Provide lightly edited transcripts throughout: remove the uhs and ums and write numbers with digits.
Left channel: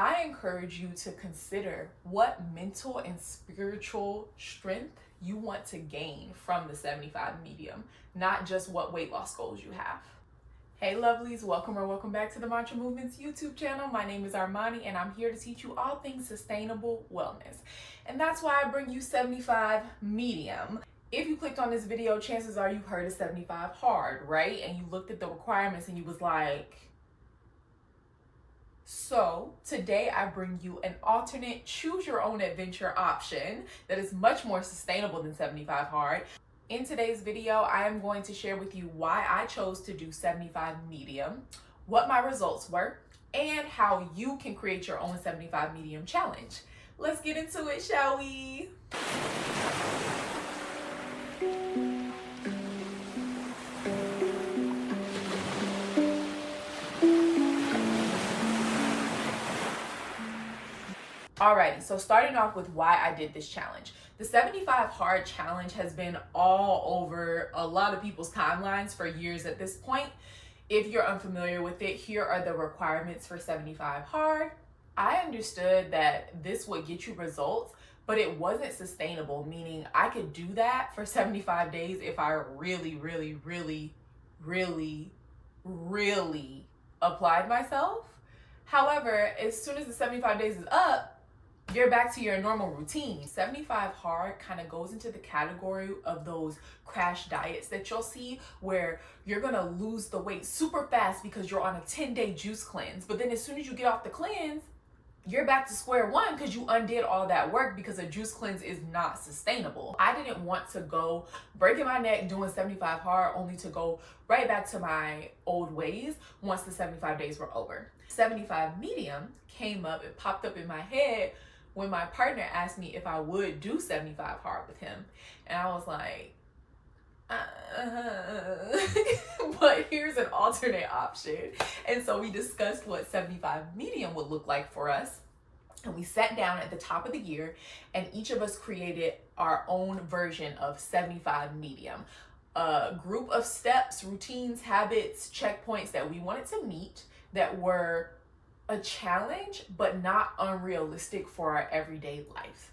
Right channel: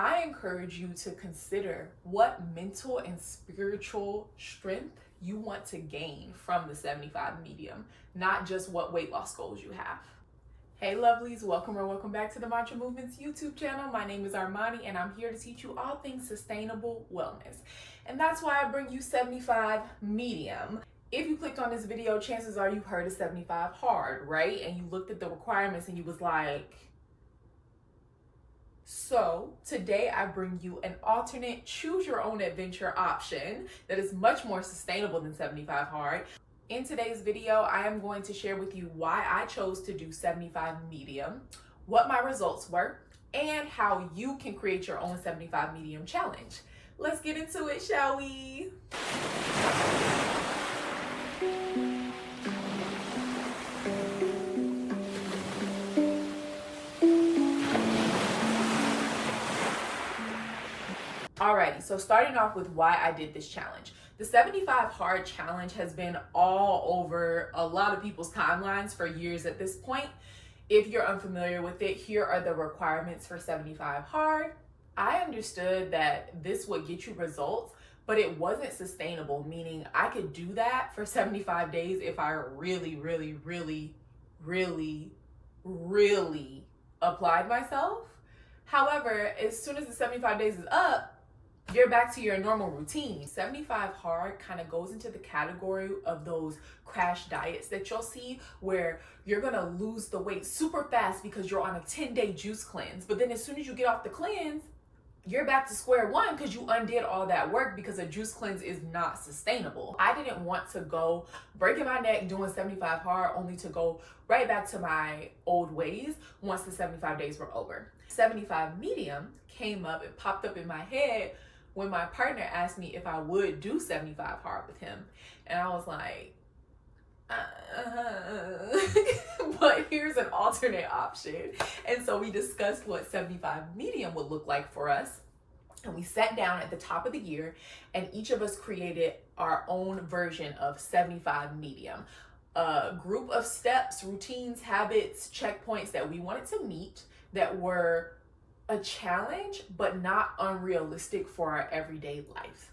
I encourage you to consider what mental and spiritual strength you want to gain from the 75 medium, not just what weight loss goals you have. Hey lovelies, welcome back to the Mantra Movements YouTube channel. My name is Armani and I'm here to teach you all things sustainable wellness. And that's why I bring you 75 medium. If you clicked on this video, chances are you heard of 75 hard, right? And you looked at the requirements and you was like, so today I bring you an alternate choose your own adventure option that is much more sustainable than 75 hard. In today's video, I am going to share with you why I chose to do 75 medium, what my results were, and how you can create your own 75 medium challenge. Let's get into it, shall we? Alrighty, so starting off with why I did this challenge. The 75 hard challenge has been all over a lot of people's timelines for years at this point. If you're unfamiliar with it, here are the requirements for 75 hard. I understood that this would get you results, but it wasn't sustainable, meaning I could do that for 75 days if I really applied myself. However, as soon as the 75 days is up, you're back to your normal routine. 75 hard kind of goes into the category of those crash diets that you'll see where you're gonna lose the weight super fast because you're on a 10-day juice cleanse. But then as soon as you get off the cleanse, you're back to square one because you undid all that work because a juice cleanse is not sustainable. I didn't want to go breaking my neck doing 75 hard only to go right back to my old ways once the 75 days were over. 75 medium came up, it popped up in my head when my partner asked me if I would do 75 hard with him. And I was like, but here's an alternate option. And so we discussed what 75 medium would look like for us. And we sat down at the top of the year and each of us created our own version of 75 medium. A group of steps, routines, habits, checkpoints that we wanted to meet that were a challenge, but not unrealistic for our everyday life.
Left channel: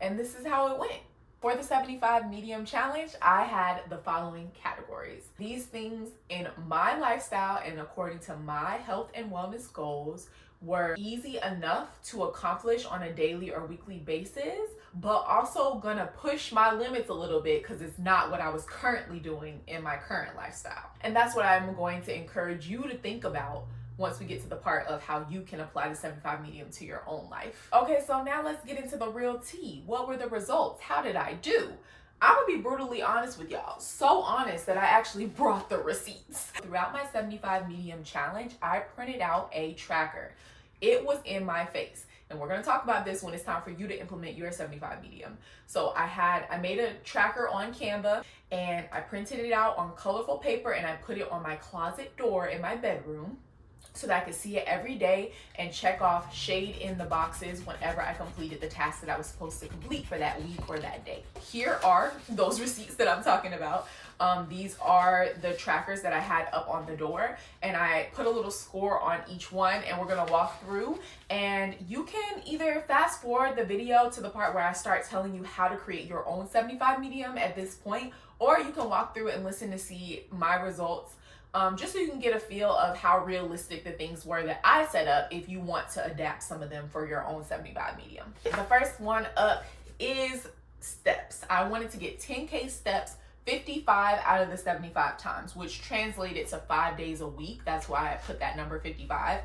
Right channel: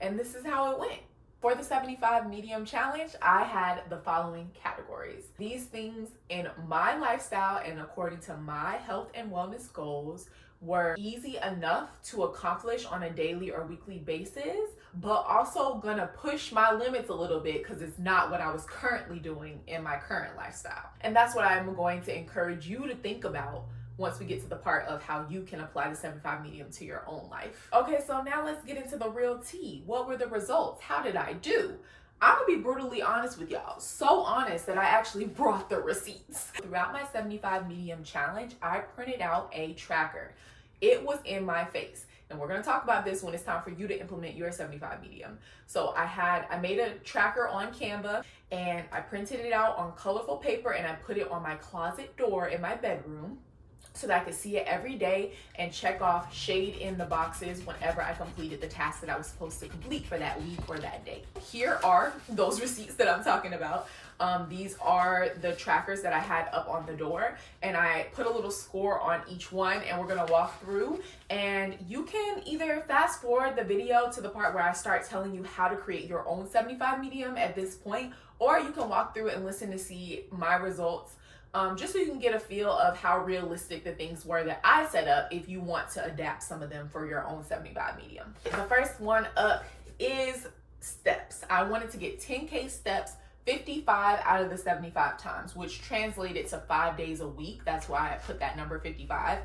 And this is how it went. For the 75 medium challenge, I had the following categories. These things in my lifestyle and according to my health and wellness goals were easy enough to accomplish on a daily or weekly basis, but also gonna push my limits a little bit because it's not what I was currently doing in my current lifestyle. And that's what I'm going to encourage you to think about once we get to the part of how you can apply the 75 medium to your own life. Okay, so now let's get into the real tea. What were the results? How did I do? I'm gonna be brutally honest with y'all. So honest that I actually brought the receipts. Throughout my 75 medium challenge, I printed out a tracker. It was in my face. And we're gonna talk about this when it's time for you to implement your 75 medium. So I made a tracker on Canva and I printed it out on colorful paper and I put it on my closet door in my bedroom, so that I could see it every day and check off shade in the boxes whenever I completed the task that I was supposed to complete for that week or that day. Here are those receipts that I'm talking about. These are the trackers that I had up on the door and I put a little score on each one and we're gonna walk through, and you can either fast forward the video to the part where I start telling you how to create your own 75 medium at this point, or you can walk through and listen to see my results. Just so you can get a feel of how realistic the things were that I set up if you want to adapt some of them for your own 75 medium. The first one up is steps. I wanted to get 10K steps 55 out of the 75 times, which translated to 5 days a week. That's why I put that number 55.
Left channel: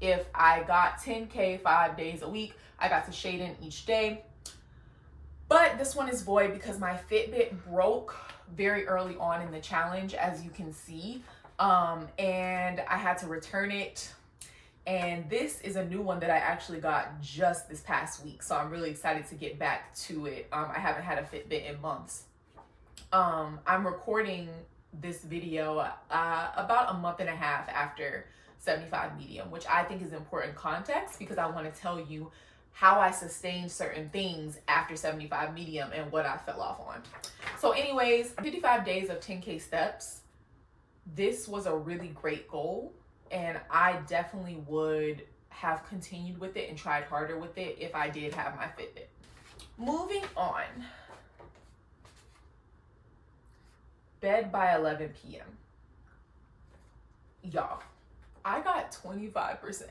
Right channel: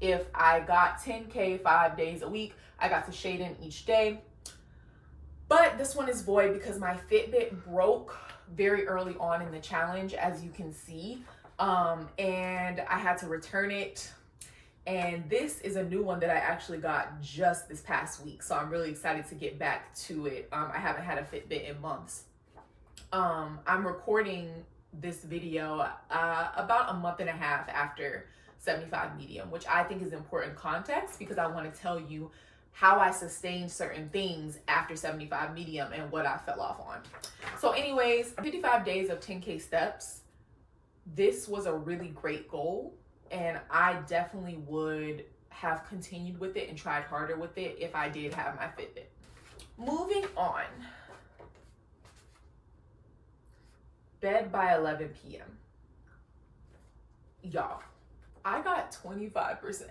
If I got 10K 5 days a week, I got to shade in each day. But this one is void because my Fitbit broke very early on in the challenge, as you can see. And I had to return it. And this is a new one that I actually got just this past week. So I'm really excited to get back to it. I haven't had a Fitbit in months. I'm recording this video about a month and a half after 75 medium, which I think is important context because I want to tell you how I sustained certain things after 75 medium and what I fell off on. So anyways, 55 days of 10K steps. This was a really great goal and I definitely would have continued with it and tried harder with it if I did have my Fitbit. Moving on. Bed by 11 p.m. Y'all, I got 25%.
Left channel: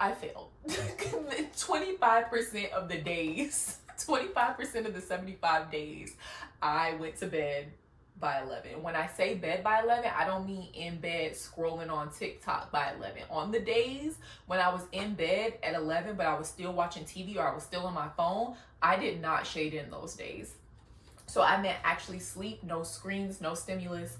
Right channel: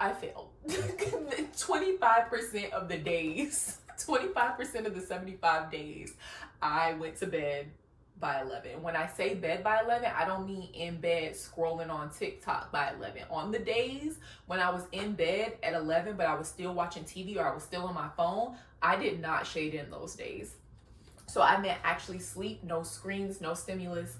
I failed. 25% of the days, 25% of the 75 days, I went to bed by 11. When I say bed by 11, I don't mean in bed scrolling on TikTok by 11. On the days when I was in bed at 11, but I was still watching TV or I was still on my phone, I did not shade in those days. So I meant actually sleep, no screens, no stimulus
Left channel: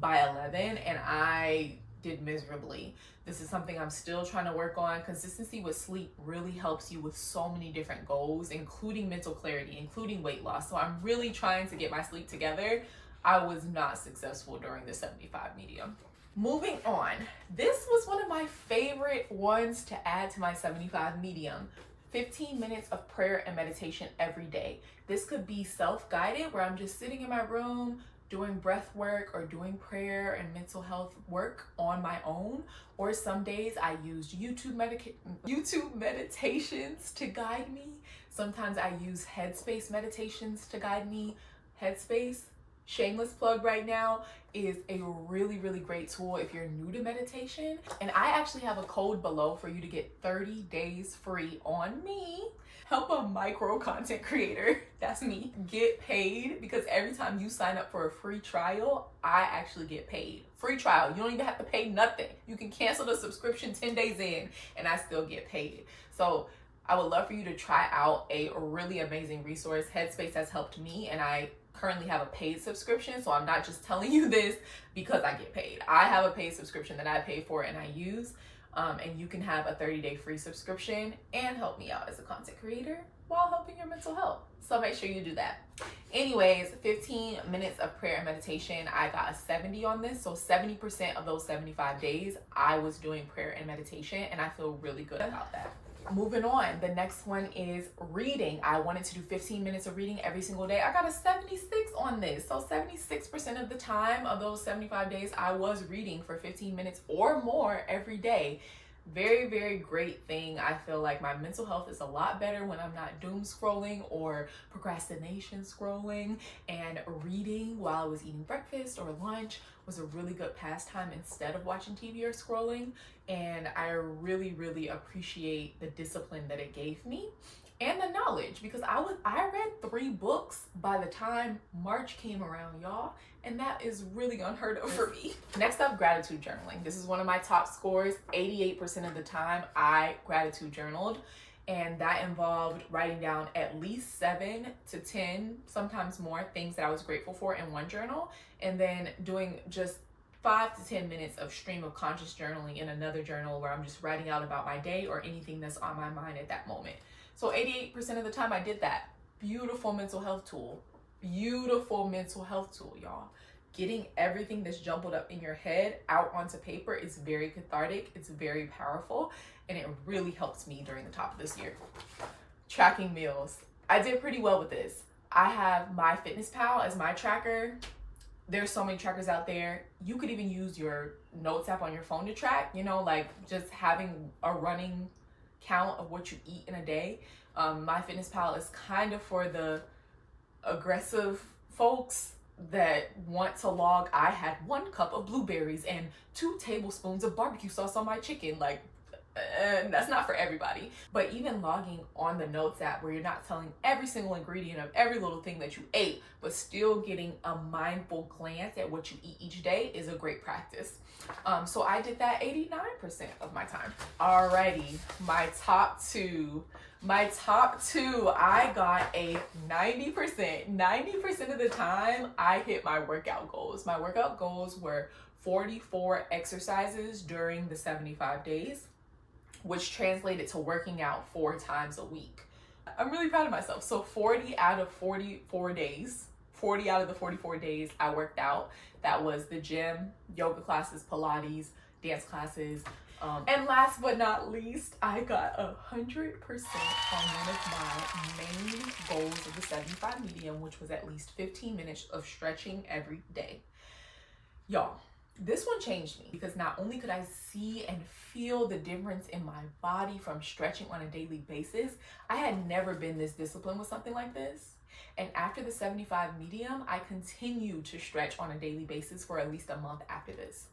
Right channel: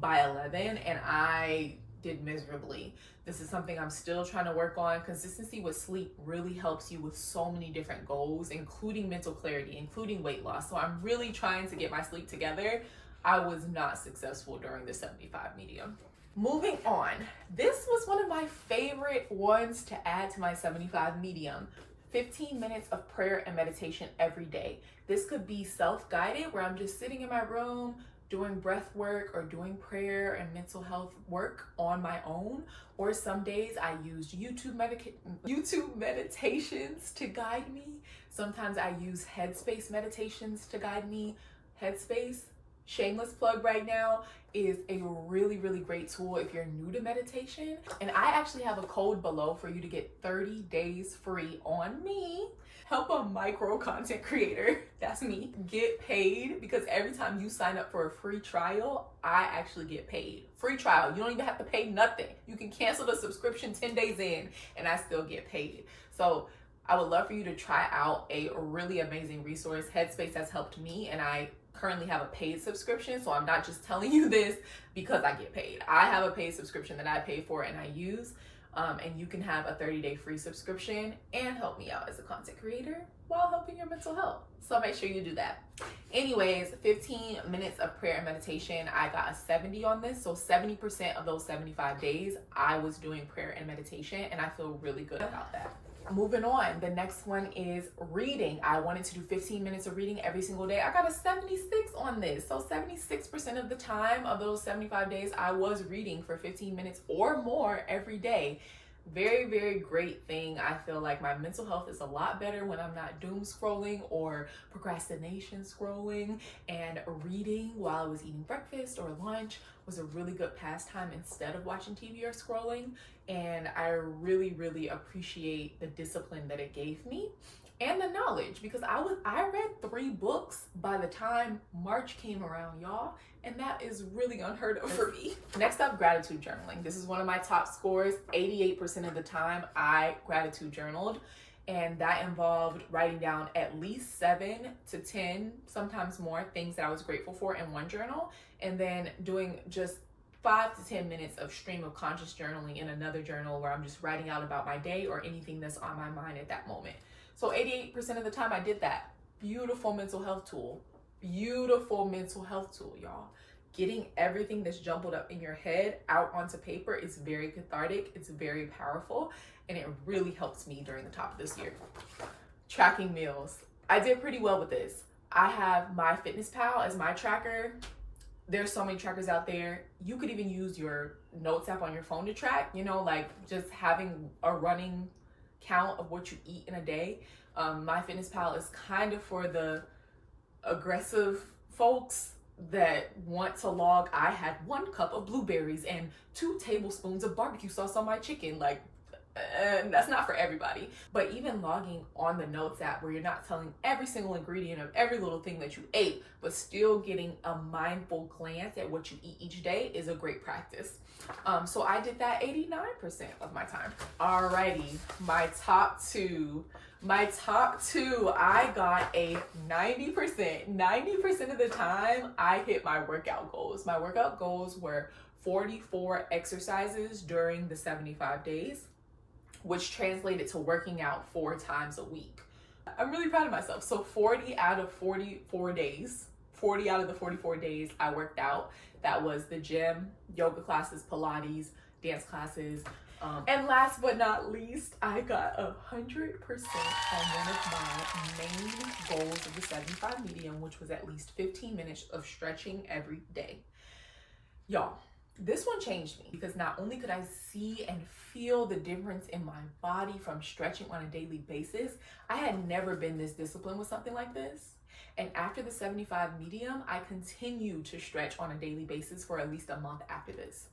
by 11, and I did miserably. This is something I'm still trying to work on. Consistency with sleep really helps you with so many different goals, including mental clarity, including weight loss. So I'm really trying to get my sleep together. I was not successful during the 75 medium. Moving on, this was one of my favorite ones to add to my 75 medium. 15 minutes of prayer and meditation every day. This could be self-guided, where I'm just sitting in my room doing breath work or doing prayer and mental health work on my own. Or some days I use YouTube meditations to guide me. Sometimes I use Headspace meditations to guide me. Headspace, shameless plug right now, is a really, really great tool if you're new to meditation. And I actually have a code below for you to get 30 days free on me. Help a micro content creator, that's me, get paid, because every time you sign up for a free trial, I actually get paid. Free trial, you don't even have to pay nothing. You can cancel the subscription 10 days in and I still get paid. So I would love for you to try out a really amazing resource. Headspace has helped me, and I currently have a paid subscription, so I'm not just telling you this because I get paid. I have a paid subscription that I pay for and I use, and you can have a 30-day free subscription and help me out as a content creator while helping your mental health. So make sure you do that. Anyways, 15 minutes of prayer and meditation. I got a 70 on this, so 70% of those 75 days I was doing prayer and meditation, and I feel really good about that. Moving on, the next one is reading. I wanted to do 15 minutes of reading every single day. I got a 76 on this. So 76% of the time of those 75 days, I was reading for 15 minutes or more every day. Very, very great thing. I feel like my mental health is a lot better when I'm not doom scrolling or procrastination scrolling, and reading while I was eating breakfast or lunch was a really good pastime instead of watching TV or scrolling. And I really, really appreciate the discipline that it gave me and the knowledge, because I read 3 books by the time March came around, y'all, and that is really unheard of for me. Next up, gratitude journaling. This is one of my top scores. 88% of the time I gratitude journaled, and that involved writing down at least 7 to 10, sometimes more, things that I was grateful for in one journal, and then doing just 5 to 10 minutes of stream of conscious journaling in another journal, where I'm just writing out about my day or anything that's on my mind at that moment. So 88% of the time I did that. Beautiful mental health tool. Beautiful mental health tool, y'all. Getting everything that's jumbled up in your head out onto paper is very cathartic. It's very powerful, and it really helps me during the top of this year. Tracking meals. I did pretty well with this. I have MyFitnessPal as my tracker. There's so many trackers out there. You could even use your notes app on your phone to track, like just having a running count of what you eat in a day. MyFitnessPal is kind of for the aggressive folks that want to log, I had 1 cup of blueberries and 2 tablespoons of barbecue sauce on my chicken. Like, that's not for everybody. But even logging on the notes app, where you're not telling every single ingredient of every little thing that you ate, but still getting a mindful glance at what you eat each day, is a great practice. So I did that 89% of my time. Alrighty, my top two, I got a 90%. 90% of the time I hit my workout goals. My workout goals were 44 exercises during the 75 days, which translated to working out 4 times a week. I'm really proud of myself. So 40 out of 44 days, 40 out of the 44 days I worked out. That was the gym, yoga classes, Pilates, dance classes. And last but not least, I got 100% on one of my main goals of the 75 medium, which was at least 15 minutes of stretching every day. Y'all, This one changed me because not only could I see and feel the difference in my body from stretching on a daily basis, I had never been this disciplined with something like this. And after the 75 medium, I continued to stretch on a daily basis for at least a month after this.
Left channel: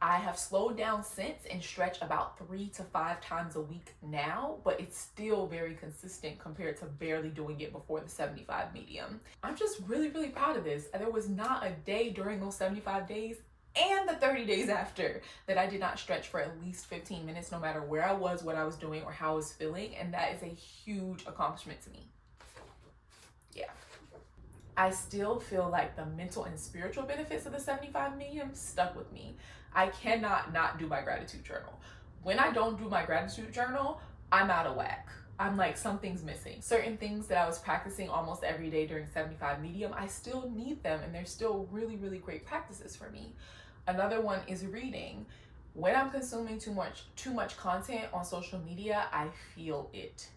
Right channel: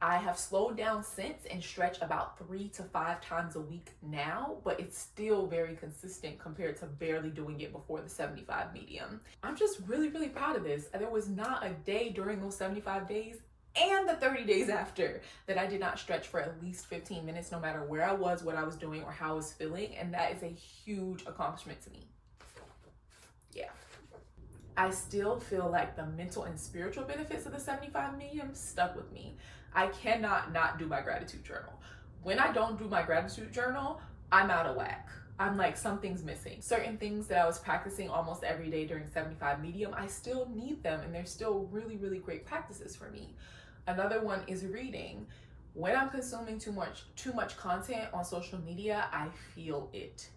I have slowed down since and stretch about 3 to 5 times a week now, but it's still very consistent compared to barely doing it before the 75 medium. I'm just really, really proud of this. There was not a day during those 75 days and the 30 days after that I did not stretch for at least 15 minutes, no matter where I was, what I was doing, or how I was feeling. And that is a huge accomplishment to me. Yeah. I still feel like the mental and spiritual benefits of the 75 medium stuck with me. I cannot not do my gratitude journal. When I don't do my gratitude journal, I'm out of whack. I'm like, something's missing. Certain things that I was practicing almost every day during 75 medium, I still need them, and they're still really, really great practices for me. Another one is reading. When I'm consuming too much content on social media, I feel it.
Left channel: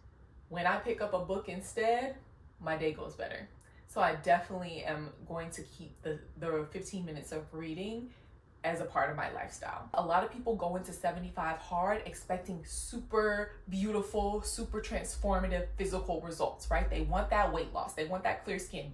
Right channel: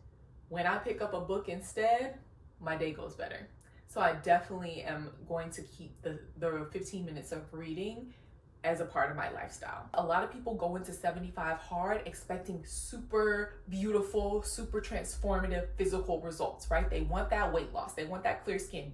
When I pick up a book instead, my day goes better. So I definitely am going to keep the 15 minutes of reading as a part of my lifestyle. A lot of people go into 75 hard expecting super beautiful, super transformative physical results, right? They want that weight loss, they want that clear skin,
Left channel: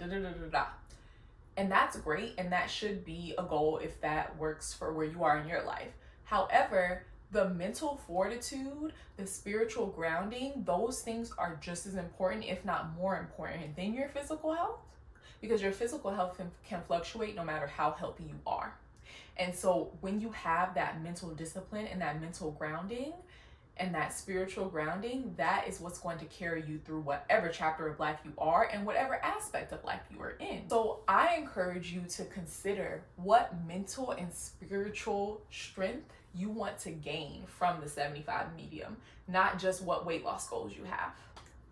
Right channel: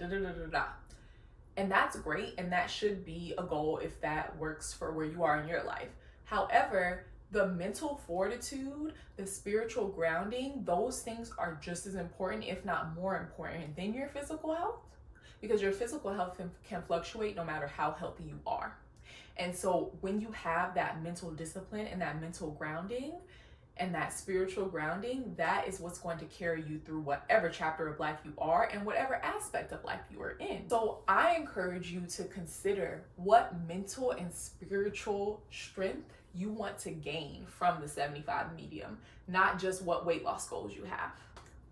and that's great, and that should be a goal if that works for where you are in your life. However, the mental fortitude, the spiritual grounding, those things are just as important, if not more important, than your physical health, because your physical health can fluctuate no matter how healthy you are. And so when you have that mental discipline and that mental grounding and that spiritual grounding, that is what's going to carry you through whatever chapter of life you are and whatever aspect of life you are in. So I encourage you to consider what mental and spiritual strength you want to gain from the 75 medium, not just what weight loss goals you have.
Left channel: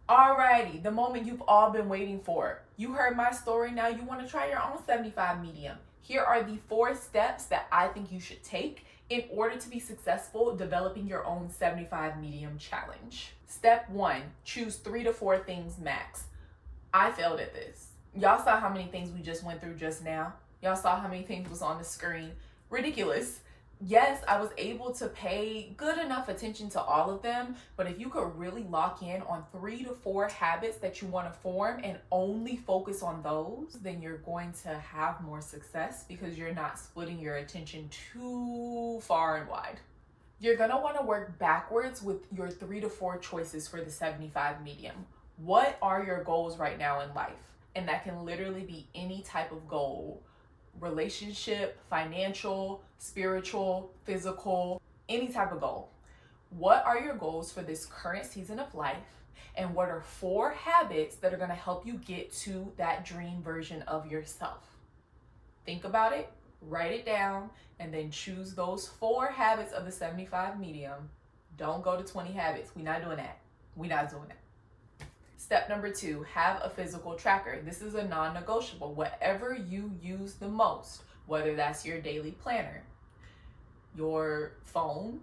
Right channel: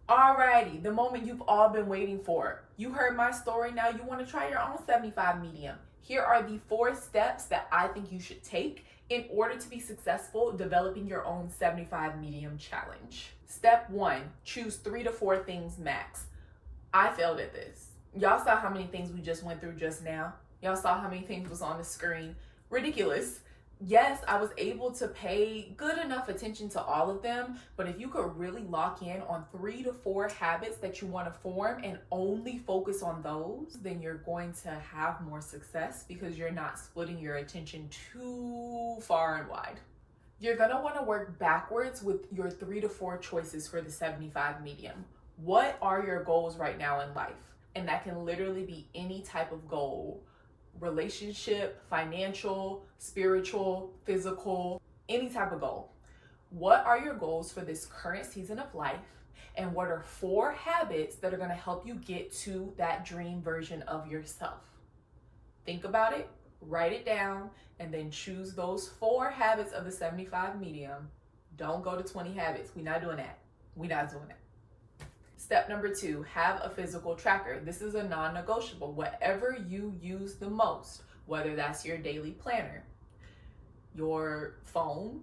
Alrighty, the moment you've all been waiting for. You heard my story, now you want to try your own 75 medium. Here are the 4 steps that I think you should take in order to be successful developing your own 75 medium challenge. Step 1, choose 3 to 4 things max. I failed at this. Y'all saw how many things we just went through just now. Y'all saw how many things was on the screen. Ridiculous. Yes, I was able to pay good enough attention to all of them, but if you could really lock in on 3 to 4 habits that you want to form and only focus on those, then you're going to have more success because you're not splitting your attention too far and wide. You're going to want to work backwards with your 3 to 4 choices for the 75 medium. What are your goals right now in life? And that can literally be any type of goal. Relationship, financial, spiritual, physical, any type of goal. What are your goals for this current season of life? And what are 4 habits that are going to help you get to that dream version of yourself? Think about it, write it down, and then choose those 4 habits of the 75 medium. Don't go to 20 habits. We're not doing that. Step number 2, have a physical tracker. This is a non-negotiable. Whatever you use the most, whether that's your daily planner, your phone,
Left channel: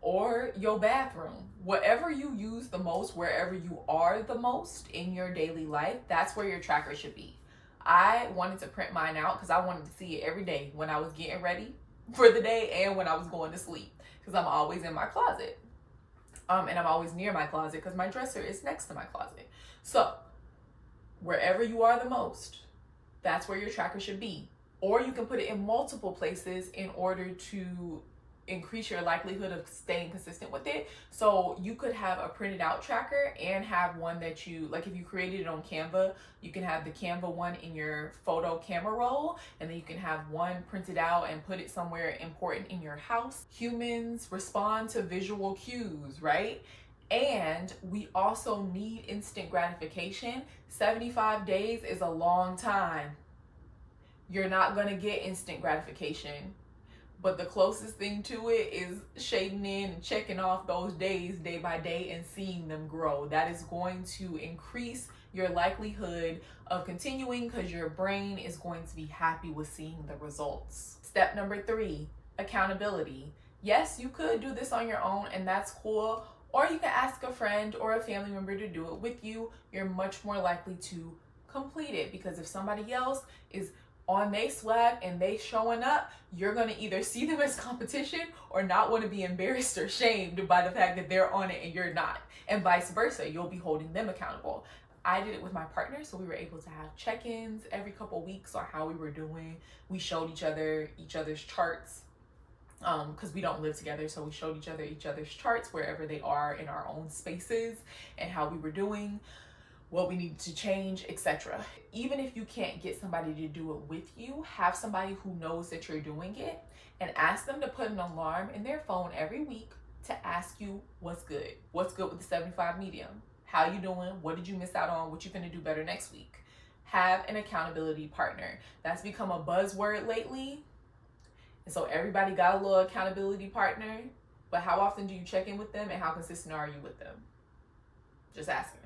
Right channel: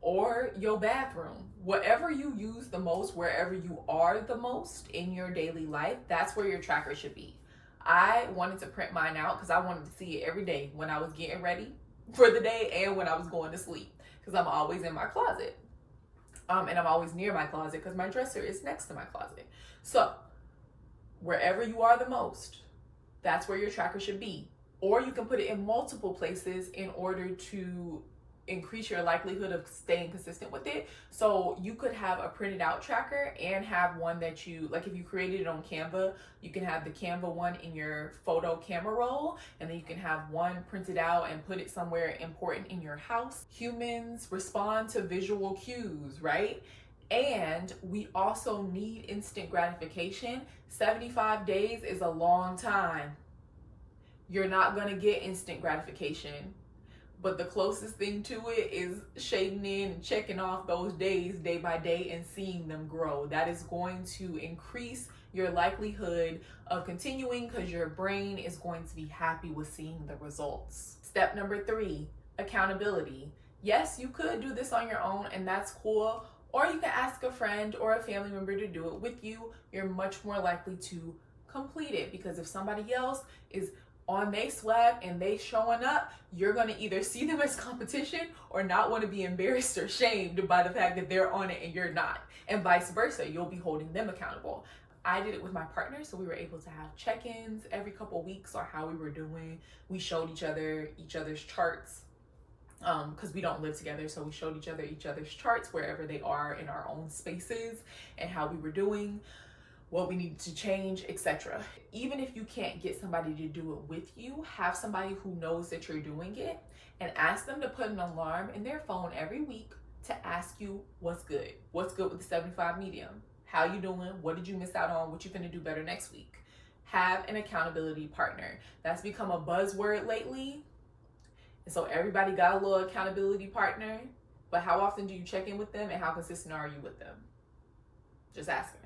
or your bathroom, whatever you use the most, wherever you are the most in your daily life, that's where your tracker should be. I wanted to print mine out because I wanted to see it every day when I was getting ready for the day and when I was going to sleep, because I'm always in my closet. And I'm always near my closet because my dresser is next to my closet. So wherever you are the most, that's where your tracker should be. Or you can put it in multiple places in order to increase your likelihood of staying consistent with it. So you could have a printed out tracker and have one that you, like if you created it on Canva, you can have the Canva one in your photo camera roll, and then you can have one printed out and put it somewhere important in your house. Humans respond to visual cues, right? And we also need instant gratification. 75 days is a long time. You're not gonna get instant gratification. But the closest thing to it is shading in and checking off those days day by day and seeing them grow. That is going to increase your likelihood of continuing because your brain is going to be happy with seeing the results. Step number 3, accountability. Yes, you could do this on your own and that's cool. Or you can ask a friend or a family member to do it with you. You're much more likely to complete it because if somebody else is on they swag and they showing up, you're going to either see them as competition or not want to be embarrassed or shamed by the fact that they're on it and you're not. And vice versa, you'll be holding them accountable. I did it with my partner, so we were able to have check-ins every couple weeks on how we were doing. We showed each other's charts, because we don't live together, so we showed each other's charts wherever they are in our own spaces and how we were doing, what we needed to change, etc. Even if you can't get somebody to do it with you, have somebody who knows that you're doing it and ask them to put an alarm in their phone every week to ask you what's good with the 75 medium, how you doing, what did you miss out on, what you gonna do better next week. Have an accountability partner. That's become a buzzword lately, and so everybody got a little accountability partner, but how often do you check in with them and how consistent are you with them? Just asking.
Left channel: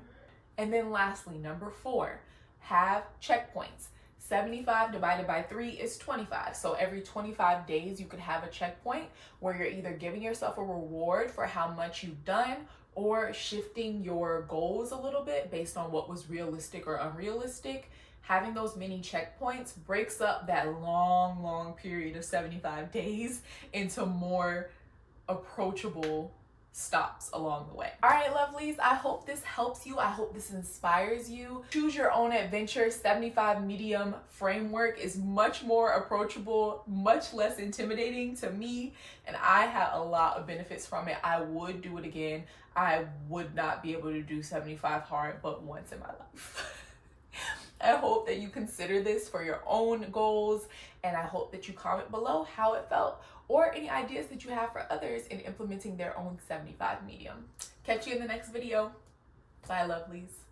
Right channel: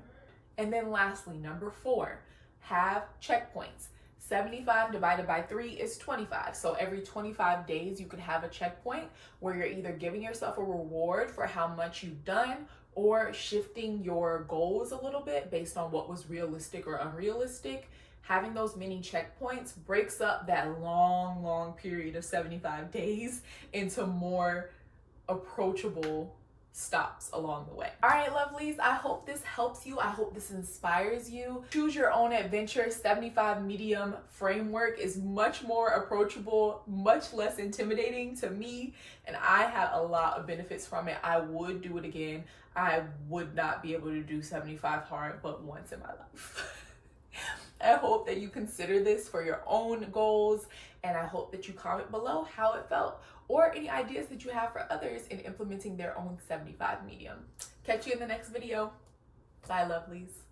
And then lastly, number 4, have checkpoints. 75 divided by 3 is 25. So every 25 days, you could have a checkpoint where you're either giving yourself a reward for how much you've done or shifting your goals a little bit based on what was realistic or unrealistic. Having those mini checkpoints breaks up that long period of 75 days into more approachable stops along the way. All right, lovelies, I hope this helps you. I hope this inspires you. Choose your own adventure 75 medium framework is much more approachable, much less intimidating to me, and I had a lot of benefits from it. I would do it again. I would not be able to do 75 hard but once in my life. I hope that you consider this for your own goals, and I hope that you comment below how it felt or any ideas that you have for others in implementing their own 75 medium. Catch you in the next video. Bye, lovelies.